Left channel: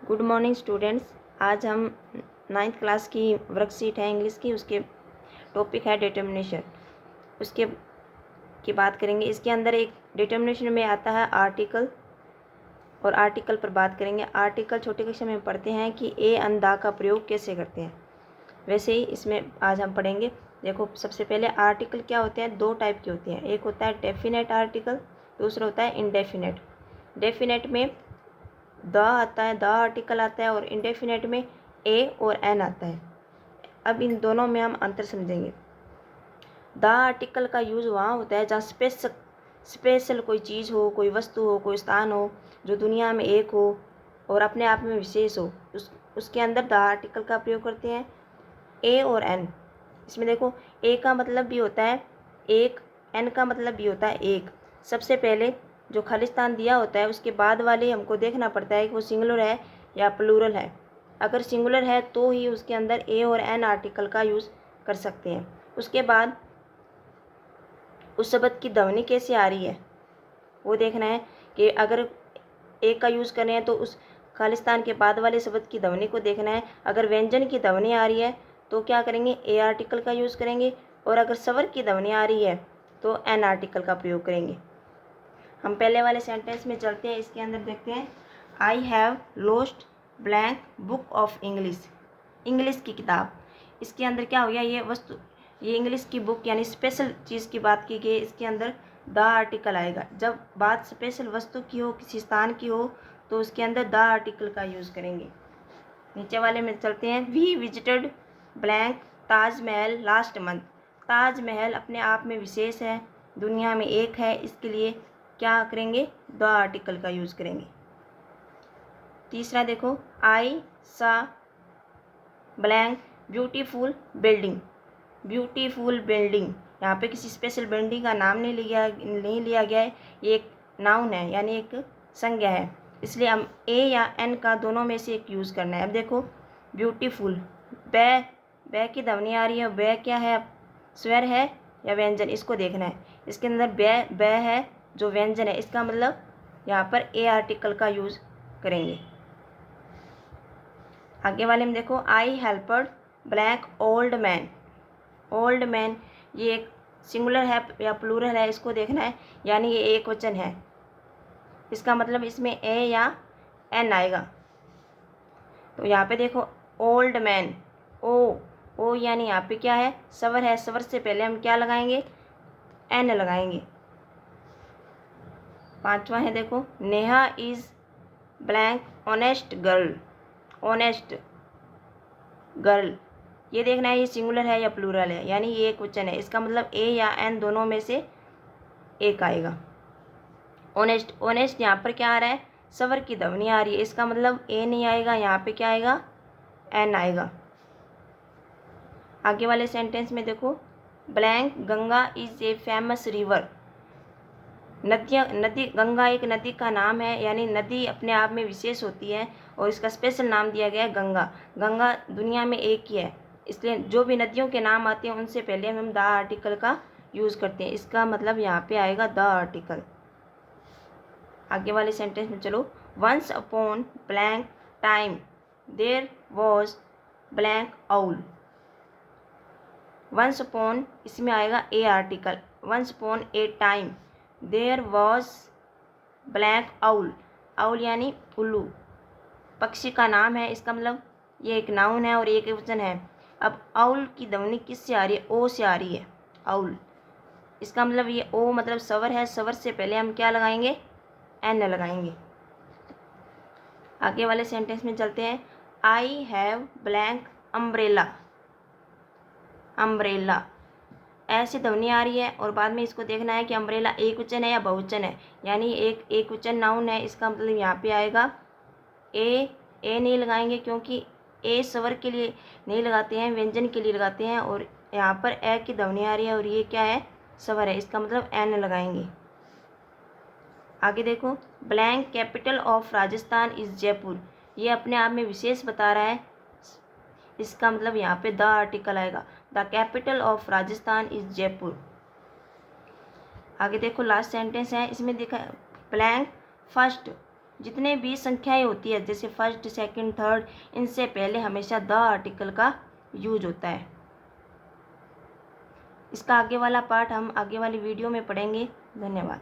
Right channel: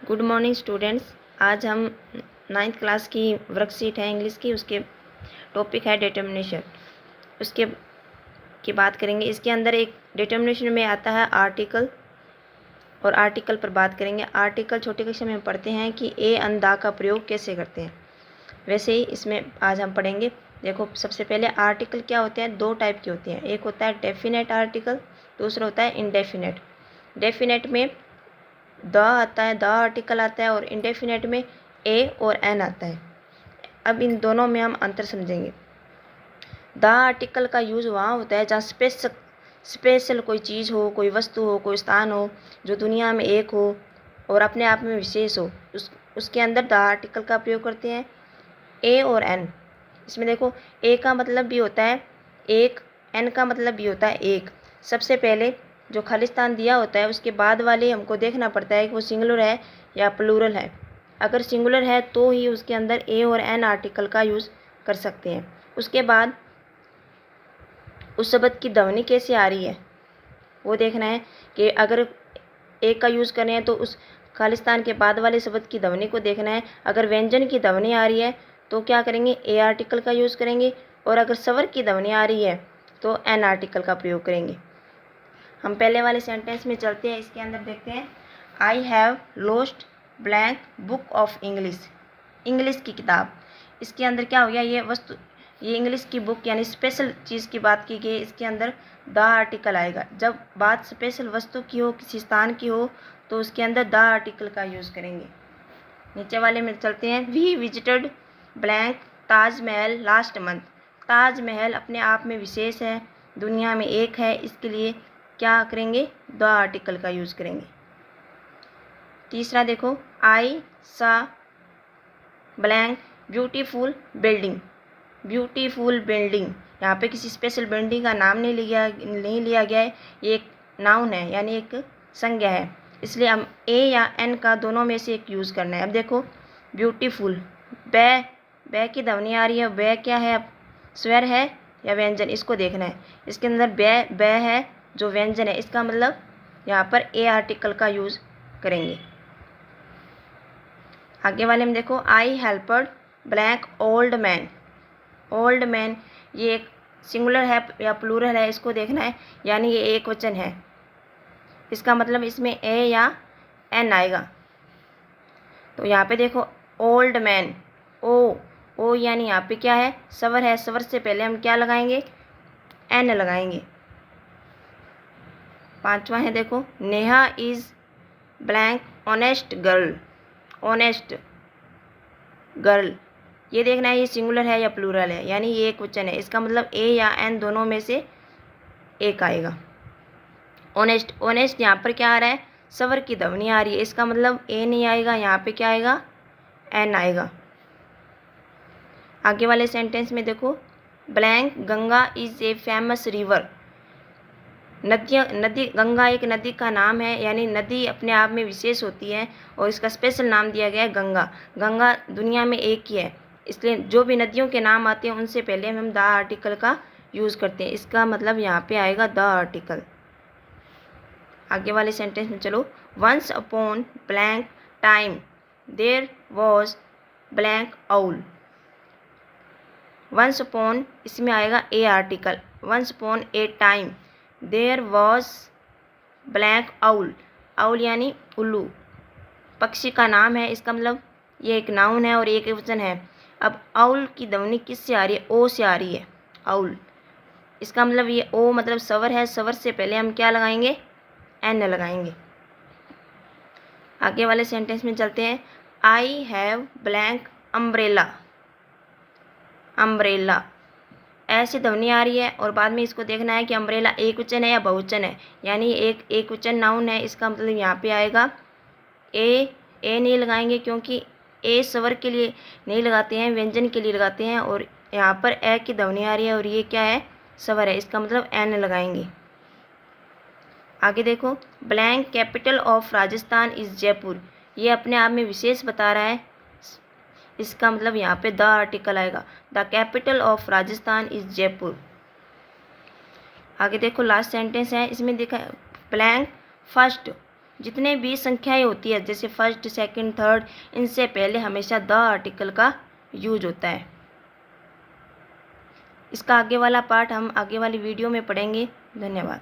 Good morning students. आज हम 9th class की वर्कशीट है इंग्लिश की, उसके टॉपिक है डिटर्मिनेशन। उसके की बात करेंगे। इसके अंदर एक डिटर्मिनेशन में आता है आर्टिकल, और आर्टिकल पर बात करेंगे। आर्टिकल छोटे कक्षा में पढ़ते हैं कि ए अन दा का प्रयोग कैसे करते हैं, वैसे ही इसमें आज हम पढ़ेंगे। देखो, सबसे पहले आर्टिकल क्या होते हैं, दो टाइप के होते हैं। एक होता है डेफिनेट आर्टिकल, दूसरा होता है इनडेफिनेट। डेफिनेट में द आता है, द आर्टिकल आता है, और इंडेफिनेट में ए और एन आता है। अब इन दोनों में हम अंतर समझेंगे। द आर्टिकल का यूज़ वहाँ होता है जहाँ स्पेशल कोई चीज़ हो, कोई वस्तु हो, कोई स्थान हो जो दुनिया में एक हो और अपने आप में विशेष हो, उसके अंदर द आर्टिकल का प्रयोग करते हैं। ए और एन, इसमें देखो ए का मतलब भी होता है एक, एन का मतलब भी होता है एक। सबसे पहले जो खालिस्तान दिया होता है उसके बाद वाले हमको देखना पड़ता है कि वो सिंगुलर है या प्लूरल है। अगर सिंगुलर है तो ही उसके अंदर ए और एन आर्टिकल का यूज़ कर सकते हैं। उसके बाद उस शब्द की ध्वनि कैसे आ रही है वो देखना है कि अगर ए का यूज़ करें हैं तो उस खालिस्तान के बाद वाले शब्द की ध्वनि को देखना है। अगर व्यंजन की ध्वनि आ रही है तो क्या करेंगे, ए आर्टिकल का यूज़ करेंगे, और अगर स्वर की ध्वनि आ रही है तो एन आर्टिकल का प्रयोग करेंगे। हम पहले वाले सेंटेंस में चलते हैं। इसके अंदर देखते हैं, I have lost blank book of English. English की किताब, इसके अंदर क्या हो गया, ये वस्तु, ये इंग्लिश की बुक यानी स्पेशल चीज़ की बात की गई। इसके अंदर द आर्टिकल आएगा। जब बात स्पेशल वस्तु की हो, किसी स्थान की हो, तो उसके अंदर द आर्टिकल का यूज़ करेंगे। नीचे वाले में चलते हैं, we visited blank Taj Mahal last month. Taj Mahal अपने आप में विशेष है, दुनिया में एक है, इसके लिए क्या करेंगे, द आर्टिकल का यूज़ करेंगे। तीसरा देखो, आई सा blank beautiful building. Beautiful building, यहाँ पे किसी स्पेशल बिल्डिंग का नाम नहीं लिया गया है, ये एक नाउन है यानी एक संज्ञा है, इसलिए हम ए या एन का दोनों में से एक यूज़ करना है। अब देखो, ब्यूटीफुल, बै की ध्वनि आ रही है, बै क्या है, स्वर है या व्यंजन, इसको देखना है। इसके अंदर बै है जो व्यंजन है, इसका मतलब यहाँ पर ए आर्टिकल का यूज़ करेंगे। आगे वाले में देखो, I helped blank old man. Old man, ये एक सिंगुलर है या प्लूरल है, इसको देखना है, यानी ये एक वचन है, इसका मतलब इसमें ए या एन आएगा। तो यहाँ पे देखो, ओल्ड मैन, ओ यानी यहाँ पे क्या है, स्वर है, स्वर से पहले हम क्या लगाएंगे, एन लगाएंगे। पांचवा है देखो, Neha is blank honest girl. Honest girl, ये देखना है ये सिंगुलर है या प्लूरल है, यानी ये एक वचन है, इसका मतलब ए या एन दोनों में से एक आएगा। ऑनेस्ट, ऑनेस्ट यहाँ पर क्या आ रहा है, स्वर की ध्वनि आ रही है, इसका मतलब ए नहीं आएगा, यहाँ पे क्या आएगा, एन आएगा। आगे वाले सेंटेंस में देखो, blank Ganga is a famous river. नदी, गंगा एक नदी का नाम है, यानी नदी अपने आप में विशेष होती है और इसका स्पेशल नाम दिया गया है गंगा। गंगा दुनिया में एक ही है, इसलिए जो भी नदियों के नाम आते हैं उनसे पहले हम द आर्टिकल का यूज़ करते हैं, इसका मतलब यहाँ पे आएगा द आर्टिकल। आगे वाले सेंटेंस में चलो, once upon blank time there was blank owl. Once upon, इसमें आएगा a article. Once upon a time there was blank owl. Owl यानी उल्लू, पक्षी का नाम है, इसका मतलब ये एक नाउन है और एक वचन है। अब आउल की ध्वनि किससे आ रही है, ओ से आ रही है, आउल, इसका मतलब ये ओ मतलब स्वर है, स्वर से पहले हम क्या लगाएंगे, एन लगाएंगे। आगे वाले सेंटेंस में चलते हैं, I have blank umbrella. Umbrella, ऐसी ध्वनि आ रही है और बाद में इसको देखना है कि अम्ब्रेला एक वचन है या बहुवचन है, यानी एक वचन नाउन है, इसका मतलब यहाँ पे आएगा ए नहीं लगाएंगे क्योंकि ए स्वर के लिए नहीं लगाते हैं, व्यंजन के लिए लगाते हैं, और यहाँ पर ए की ध्वनि आ रही है और ये क्या है, स्वर है, इसका मतलब एन लगाएंगे। आगे देखो, blank capital of Rajasthan is Jaipur. ये अपने आप में विशेष बता रहा है, इसका मतलब यहाँ पे द आर्टिकल आएगा, the capital of Rajasthan is Jaipur. आगे देखो, लास्ट सेंटेंस है, इसमें देखा ब्लैंक फर्स्ट जितने भी संख्याएं होती है जैसे फर्स्ट, सेकंड, थर्ड, इनसे पहले हमेशा द आर्टिकल का यूज होता है। इसका आगे वाला पार्ट हम आगे वाली वीडियो में पढ़ेंगे। धन्यवाद।